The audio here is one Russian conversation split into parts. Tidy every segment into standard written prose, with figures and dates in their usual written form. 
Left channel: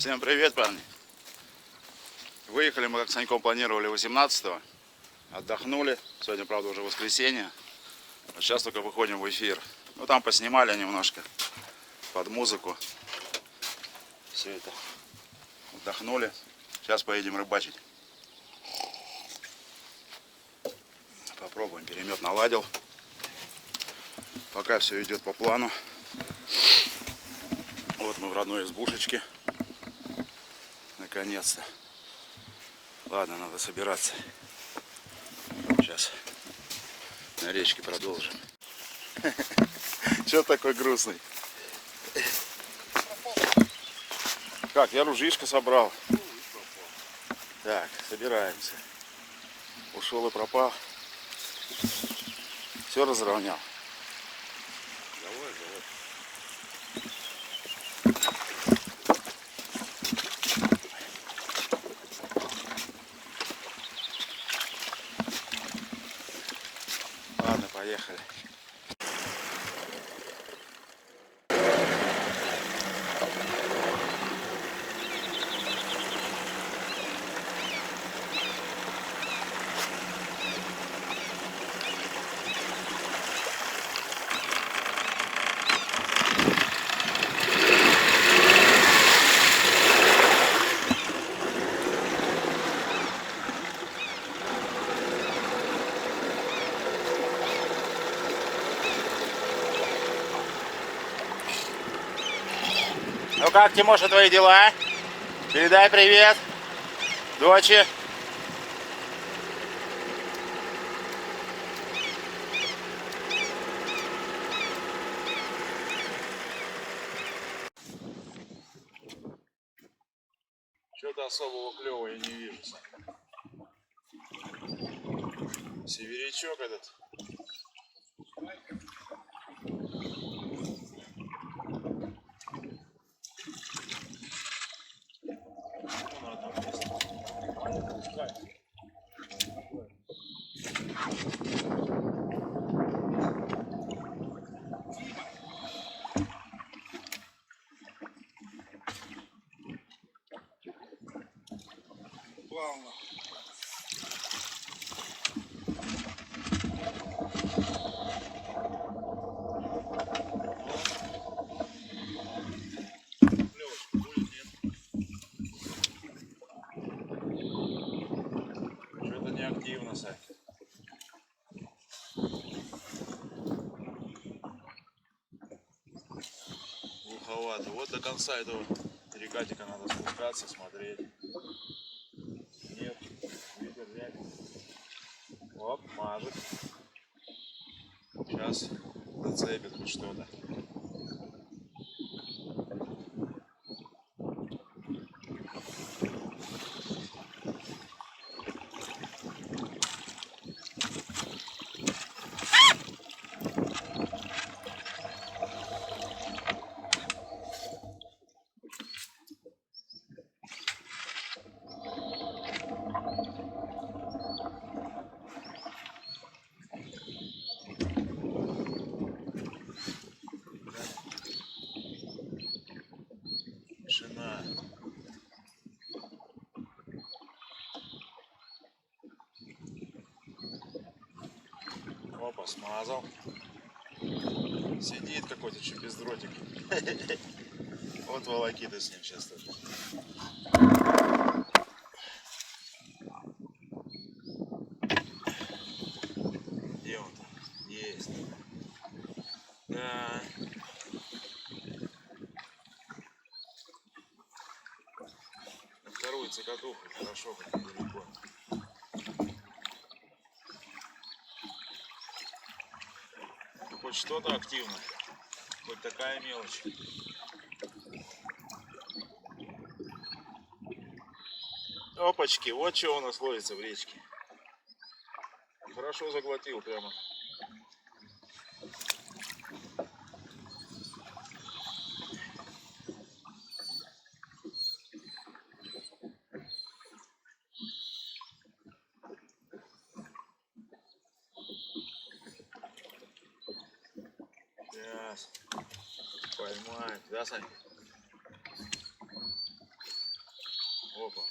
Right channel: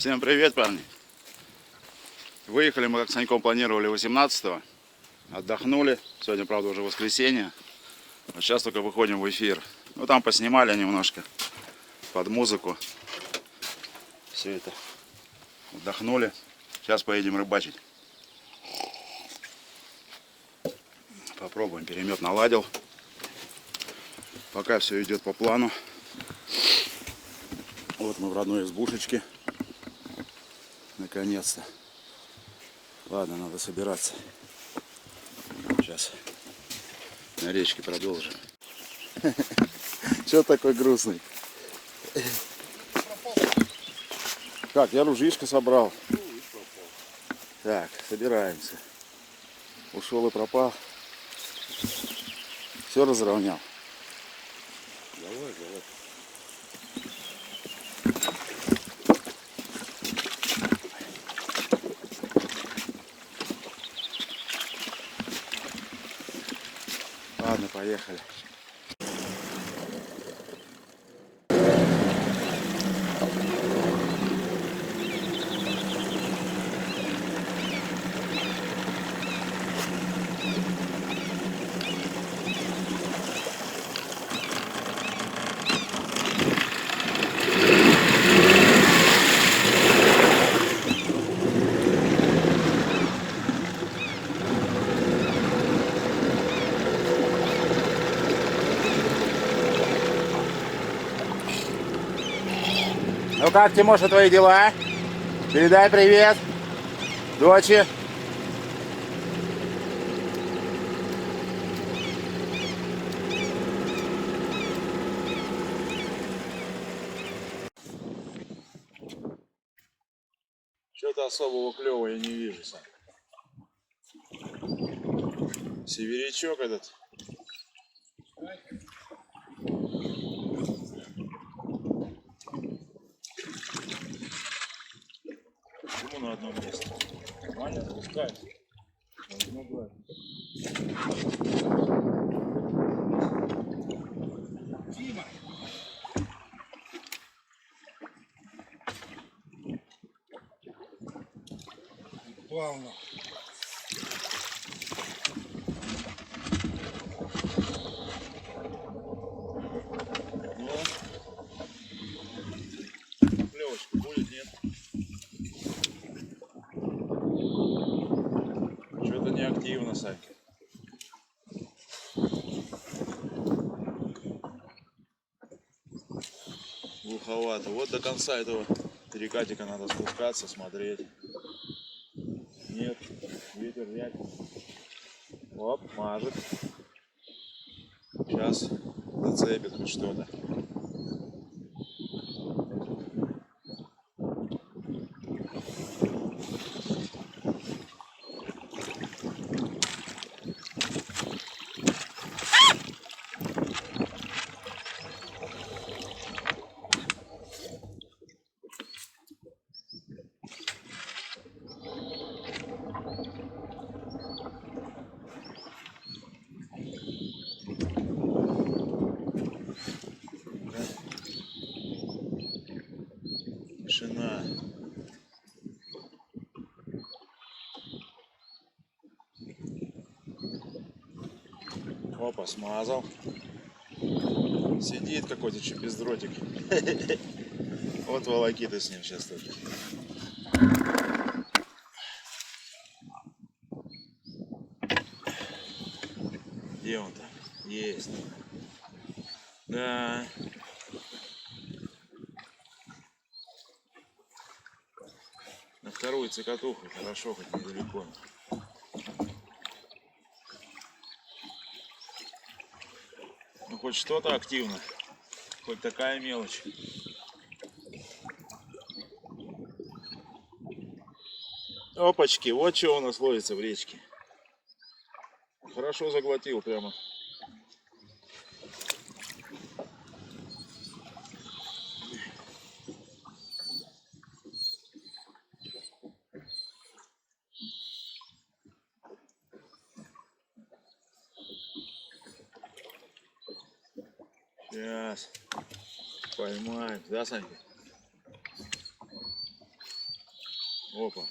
Всем привет, парни! Выехали мы, как с Саньком планировали, 18-го. Отдохнули. Сегодня, правда, уже воскресенье. Но сейчас только выходим в эфир. Ну, там поснимали немножко под музыку. Все это. Отдохнули. Сейчас поедем рыбачить. Попробуем. Перемет наладил. Пока все идет по плану. Вот мы в родной избушечке. Наконец-то. Ладно, надо собираться. Сейчас на речке продолжим. Че такой грустный? Как, я ружьишко собрал. Так, собираемся. Ушел и пропал. Все разровнял. Давай. Ладно, поехали. Ну как, Тимоша, твои дела? Передай привет доче. Что-то особого клёва я не вижу, Сань. Северячок этот. Почему на одном месте? Ваня, пускай. Дима! Плавно. Клевочка будет, нет? Что-то не активно, Санька. Глуховато. Вот до конца этого перекатика надо спускаться, смотреть. Нет, ветер взять. Оп, мажет. Сейчас зацепит хоть что-то. Тишина. Опа, смазал. Сидит какой-то бездротик. Вот волокита с ним сейчас только. Где он-то? Есть. Да. На вторую цикатуху хорошо, хоть недалеко. Ну хоть что-то активно. Хоть такая мелочь. Опачки, вот что у нас ловится в речке. Хорошо заглотил прямо. Сейчас поймаем, да, Санька? Опа.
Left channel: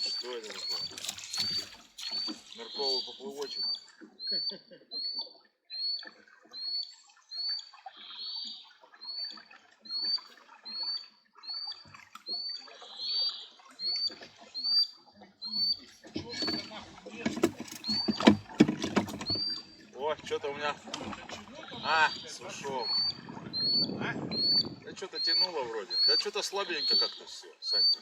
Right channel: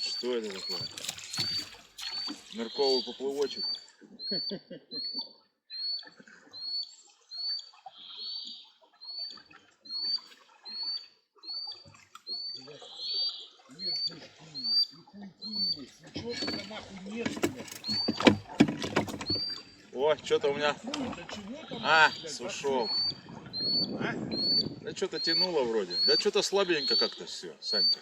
Что это такое? Нырковый поплывочек. О, что-то у меня... А, сушел. Да что-то тянуло вроде. Да что-то слабенько как-то все, Санька.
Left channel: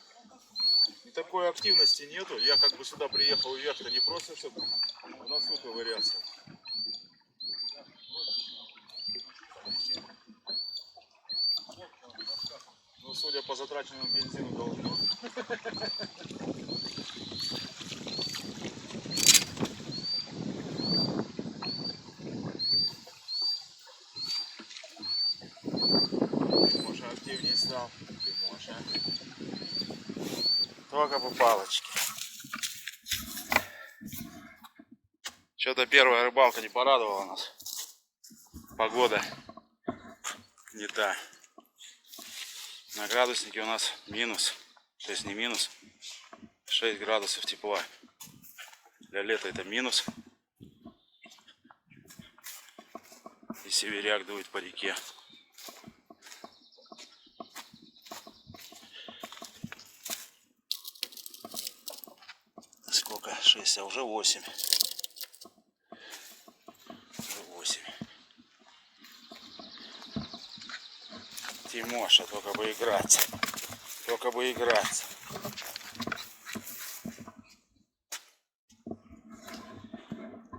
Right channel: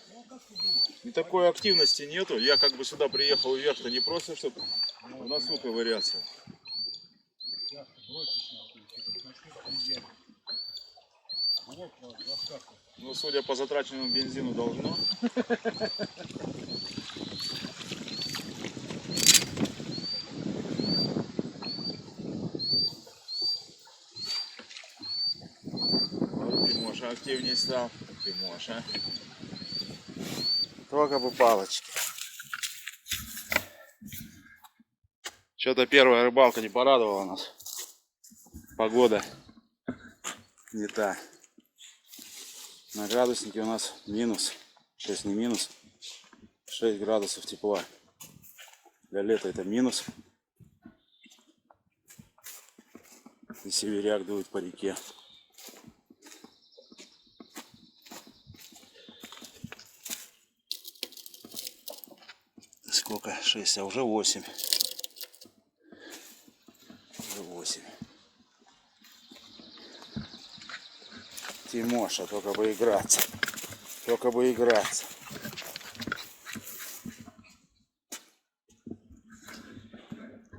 И такой активности нету. Я как бы сюда приехал вверх-то не просто, чтобы в носу ковыряться. Ну, судя по затраченному бензину, должно. Вот Тимоша активнее стал. Тимоша. Только бы палочки. Что-то первая рыбалка не порадовала нас. Погода не та. На градуснике у нас минус. 6 не минус. 6 градусов тепла. Для лета это минус. И северяк дует по реке. Сколько? 6, а уже 8. Уже 8. Тимоша, только бы играться. Только бы играться.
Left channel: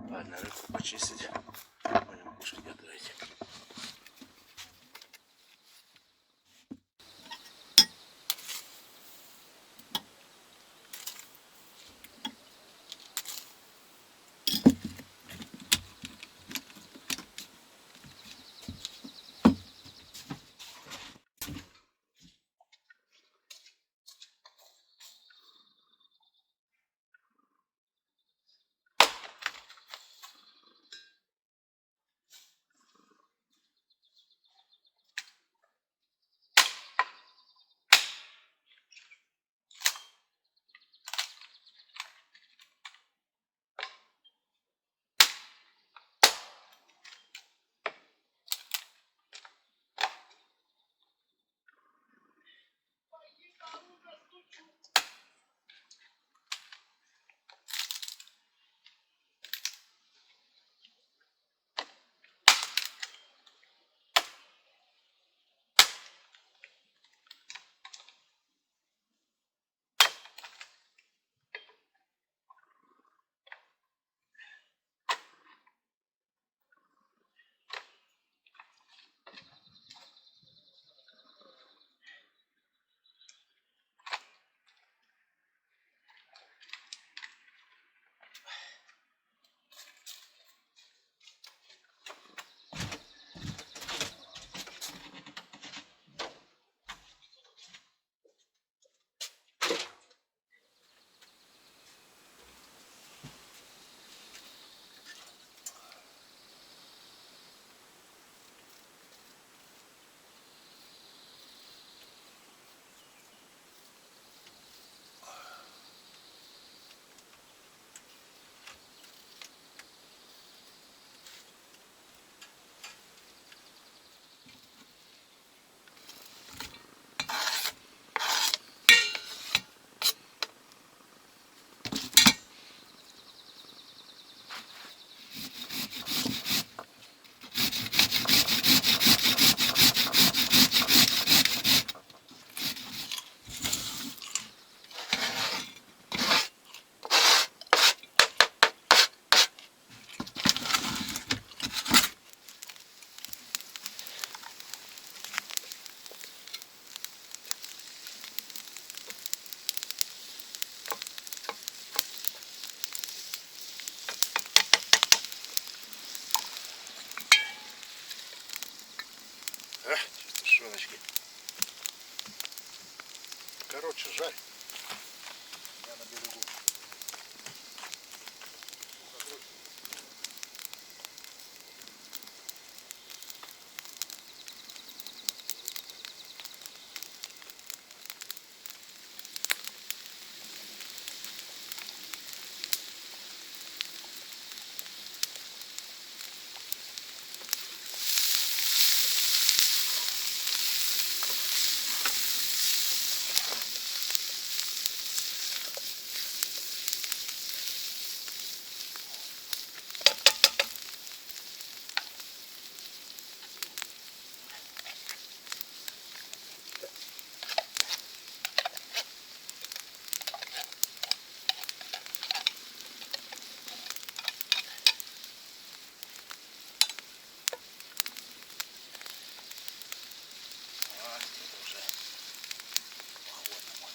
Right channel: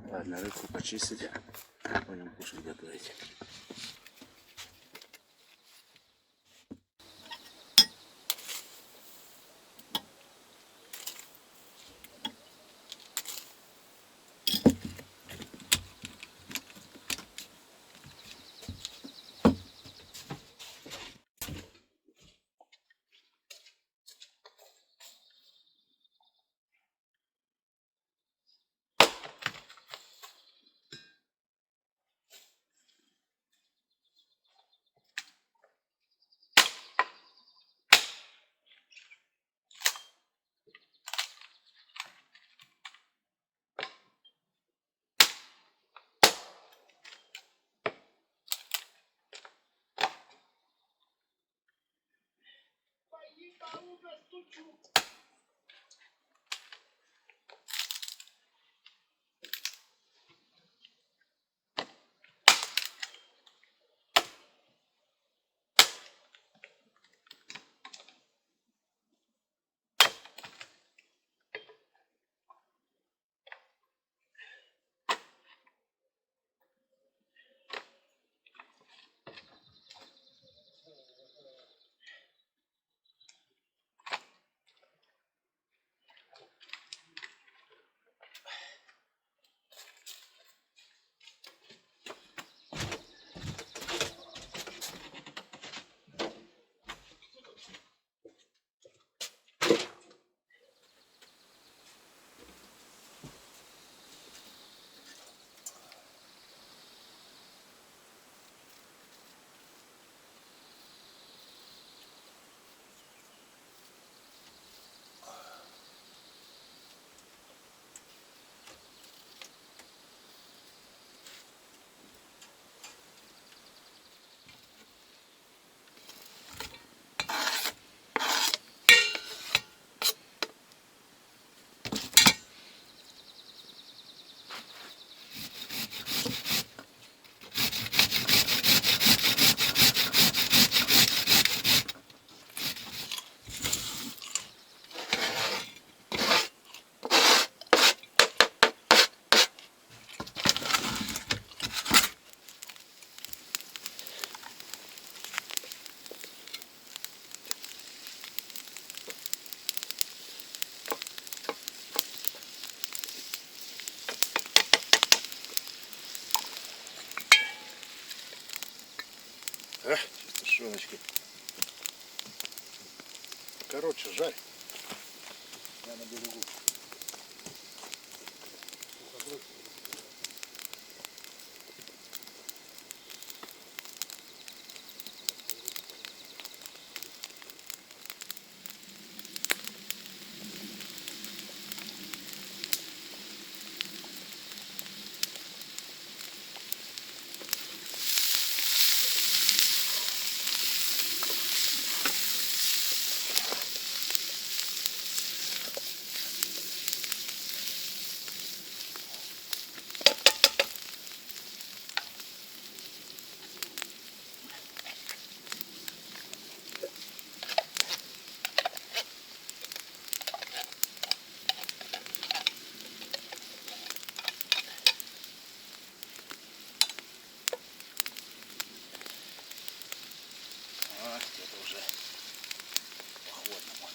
Ладно, рыбку почистить. Будем кушать готовить. Тушеночки. Короче, жарь. Я на берегу. А, это уже походному.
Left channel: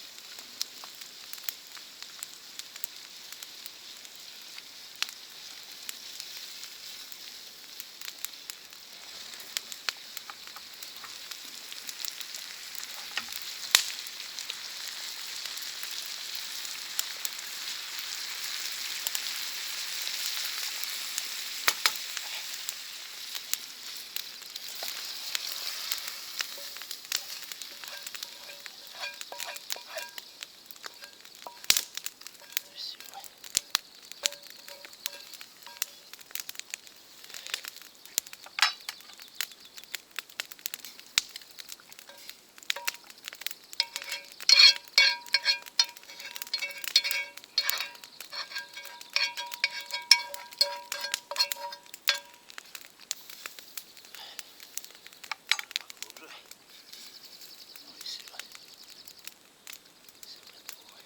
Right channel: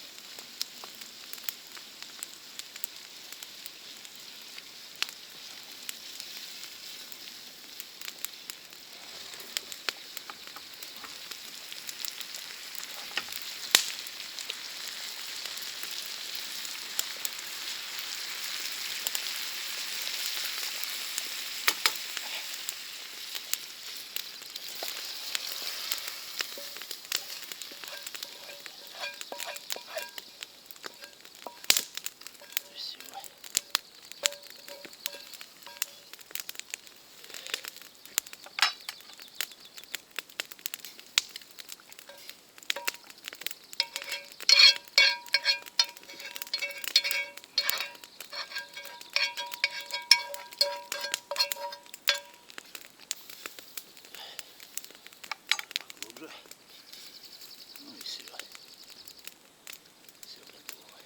Красиво. Поглубже. Ну и все. Все готово.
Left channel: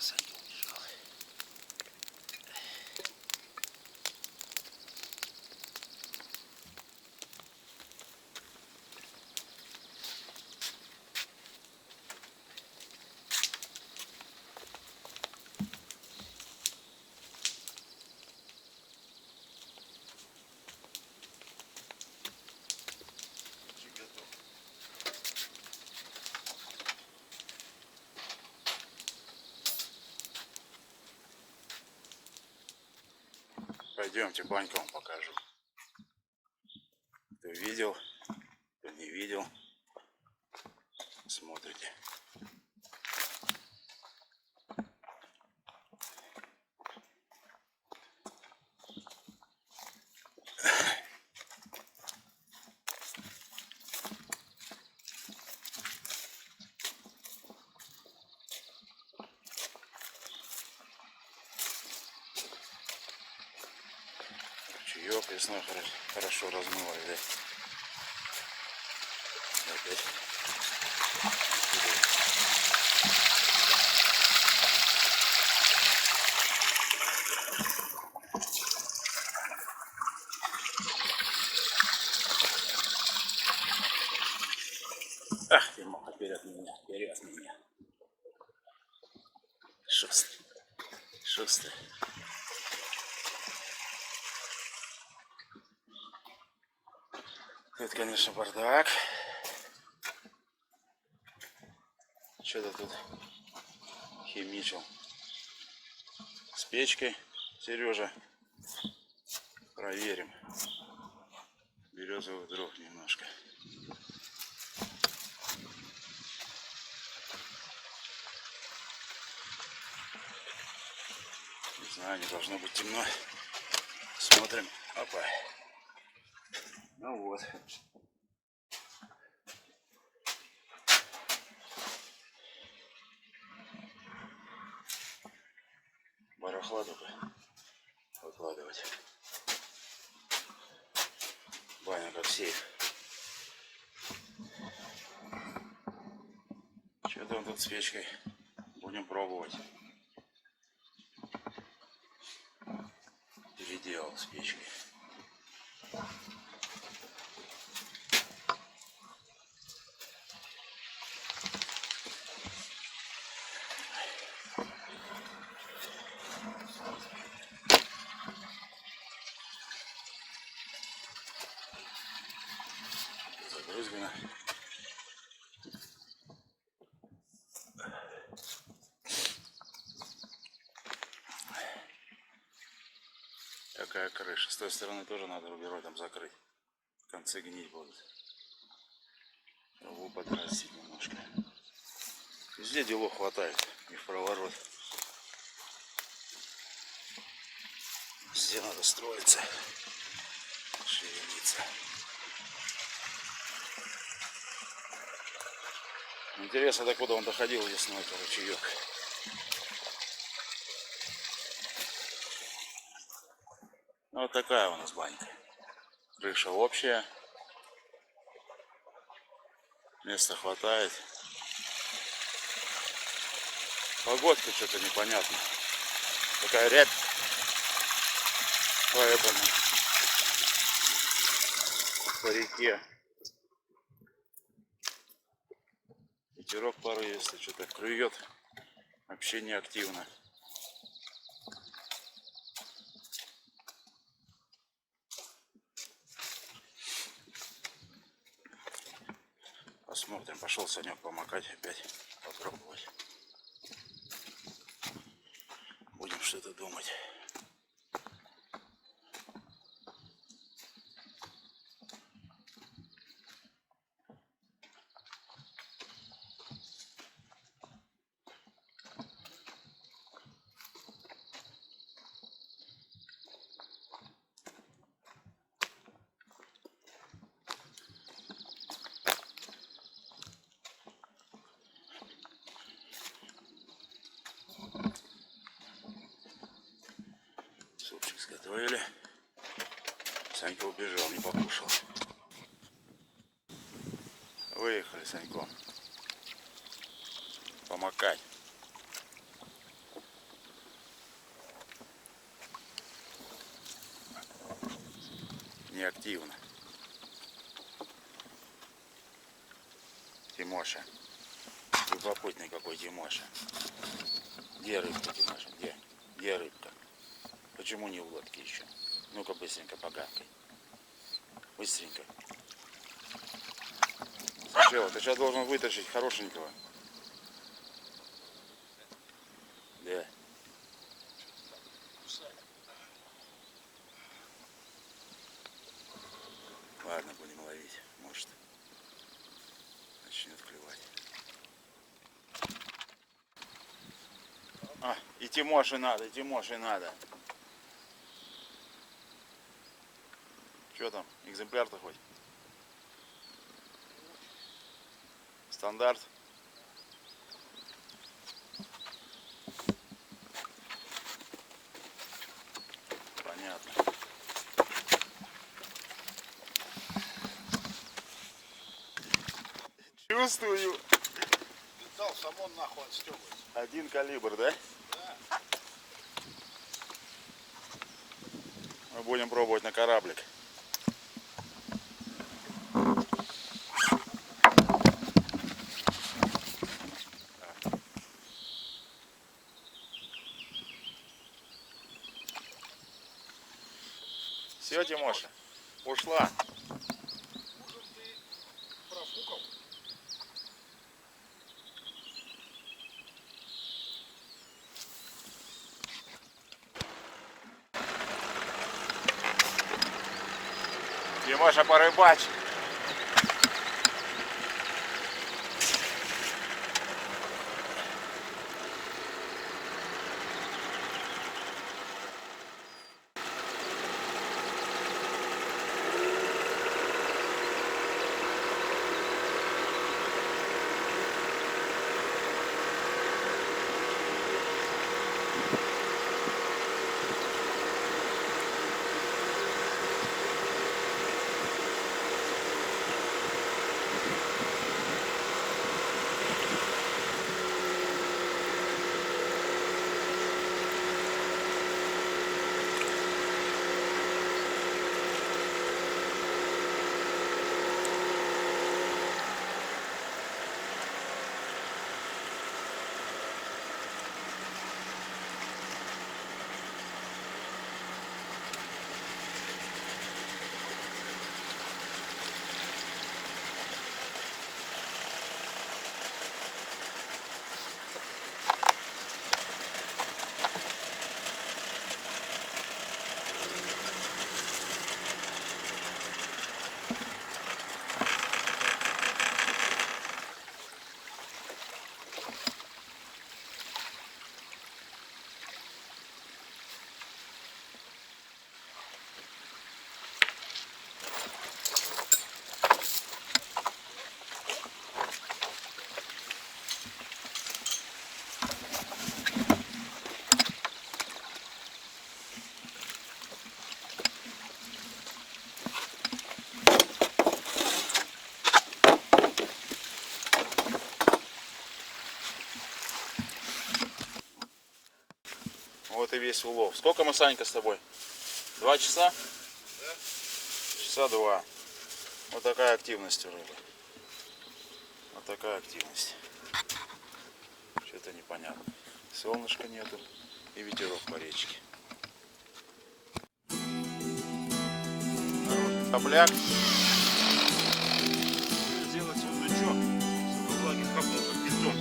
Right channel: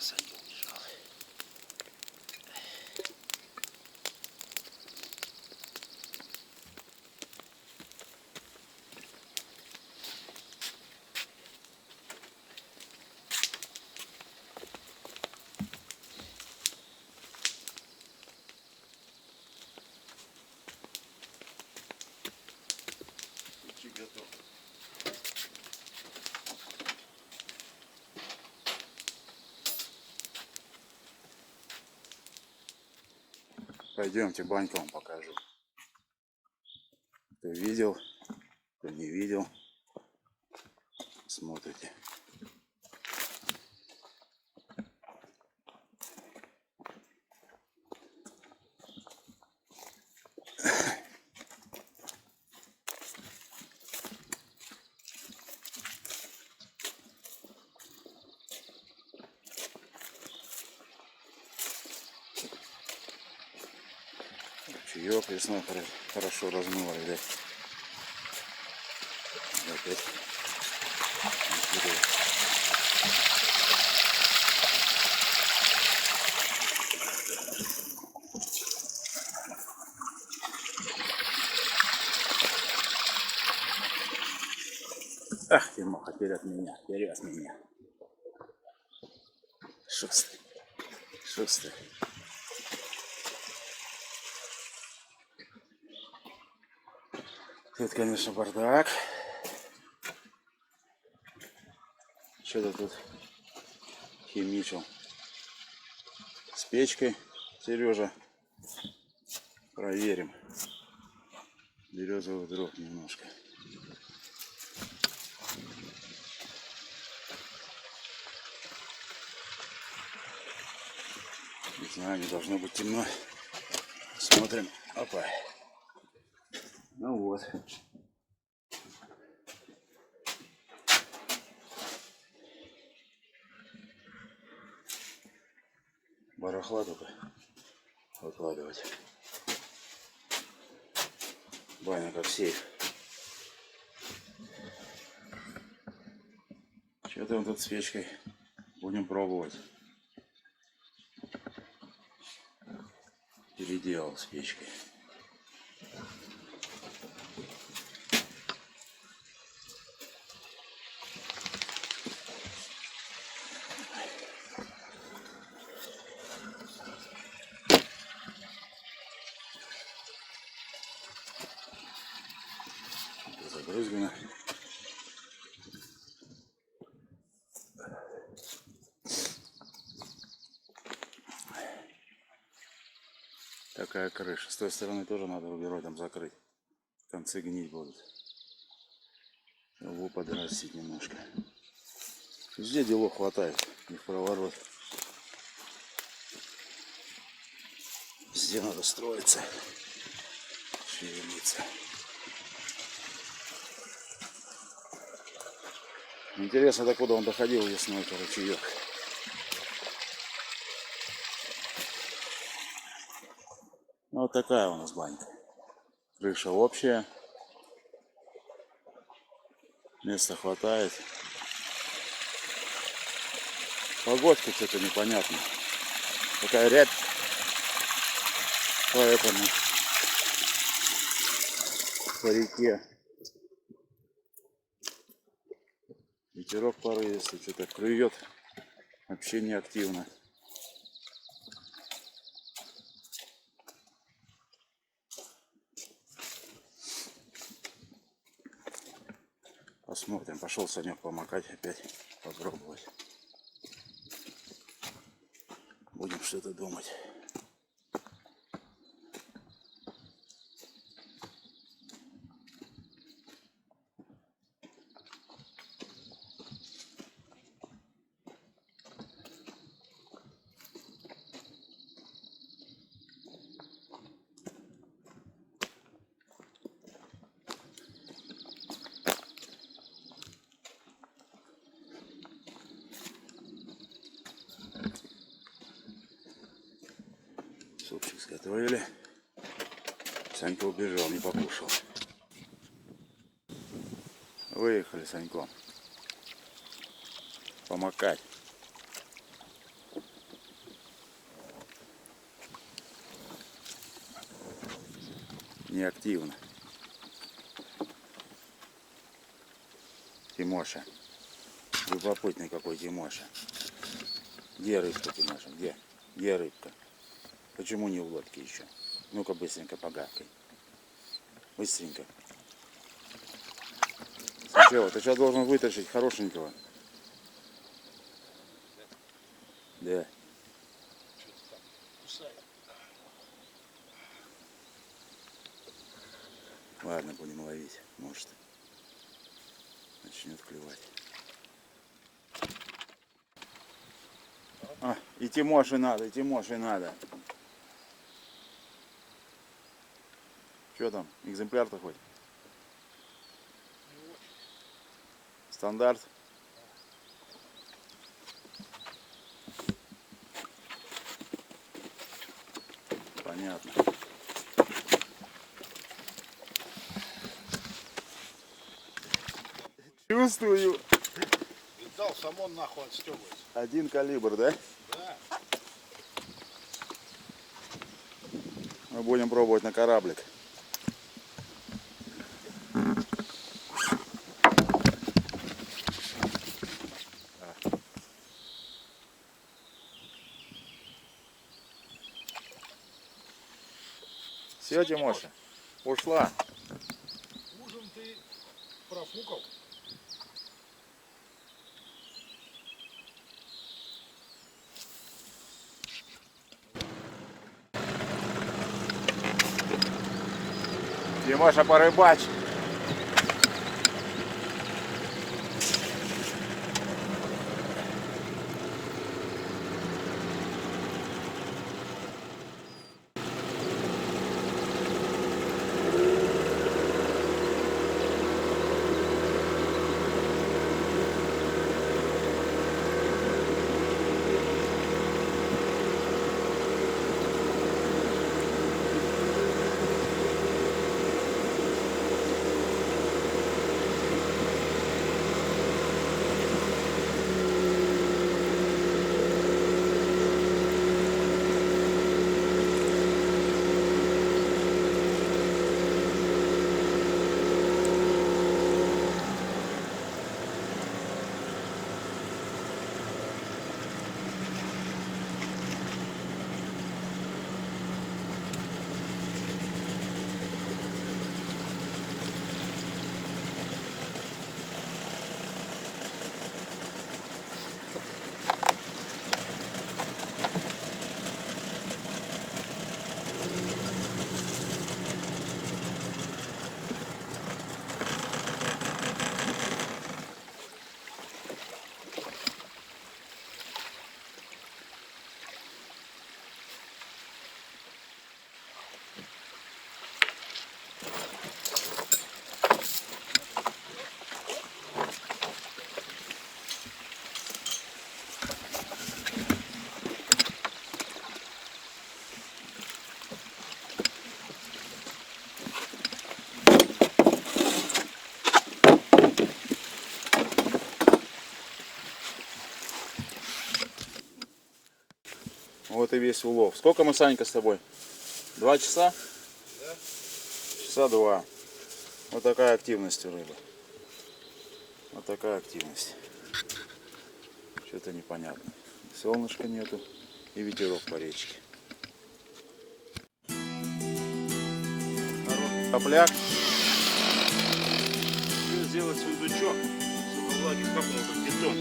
Санька убежал. Почти готов. Пойдемте, баньку вам покажу. Кто видел, кто не видел, смотрите. Чаек весной хорошо размыло, видать. Опять. Ах, Тимоха, вперед меня, вперед меня. Шустрый, шустрый. Тут, конечно, бардак. Что-то тут химичил с печкой. Сережа, проверим. Березовых дров немножко. Не знаю, не должно быть темно. Смотрим. Опа. Ну вот. Барахла только выкладывать. Баня как сейф. Что там тут с печкой? Будем пробовать. Переделал с печкой. Забрызгано. Такая крыша. С той стороны тоже надо рубероидом закрыть. Концы гнить будут. Его подрастить немножко. Везде делов хватает. Не в проворот. Везде надо строиться. Шевелиться. Интересно, докуда он доходил весной, ручеек. Вот такая у нас банька. Крыша общая. Места хватает. Погодка что-то непонятно. Такая рябь. Поэтому по реке Ветерок порывистый, что-то клюет. Вообще не активно. Посмотрим. Пошел Санек помакать опять. Попробовать. Будем что-то думать. Супчик сготовили. Санька убежал, не покушал. Выехали с Саньком помакать. Неактивно. Тимоша. Любопытный какой Тимоша. Где рыбка, Тимоша? Где? Где рыбка? Почему не в лодке еще? Ну-ка быстренько погавкай. Быстренько. Сначала, ты сейчас должен вытащить хорошенького. Да. Ладно, будем ловить. Может, начнет клевать. А, и Тимоше надо, и Тимоше надо. Что там, экземпляр-то хоть? Стандарт? Понятно. Чувствую. Видал, сам он нахуй отстегивается. Один калибр, да? Да. Мы будем пробовать на кораблик. Все, Тимоша, ушла. Ужин ты профукал. Тимоша, порыбачь. Вот и весь улов. Сколько мы, Санька, с тобой? 2 часа? Да. Часа 2. Вот такая активность у рыбы. Вот такая активность. Что-то непонятно. Солнышка нету и ветерок по речке. Хороший топляк. Сделать сундучок, сука, влаги капнул, как бетон.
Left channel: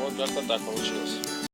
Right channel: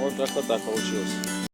Вот как-то так получилось.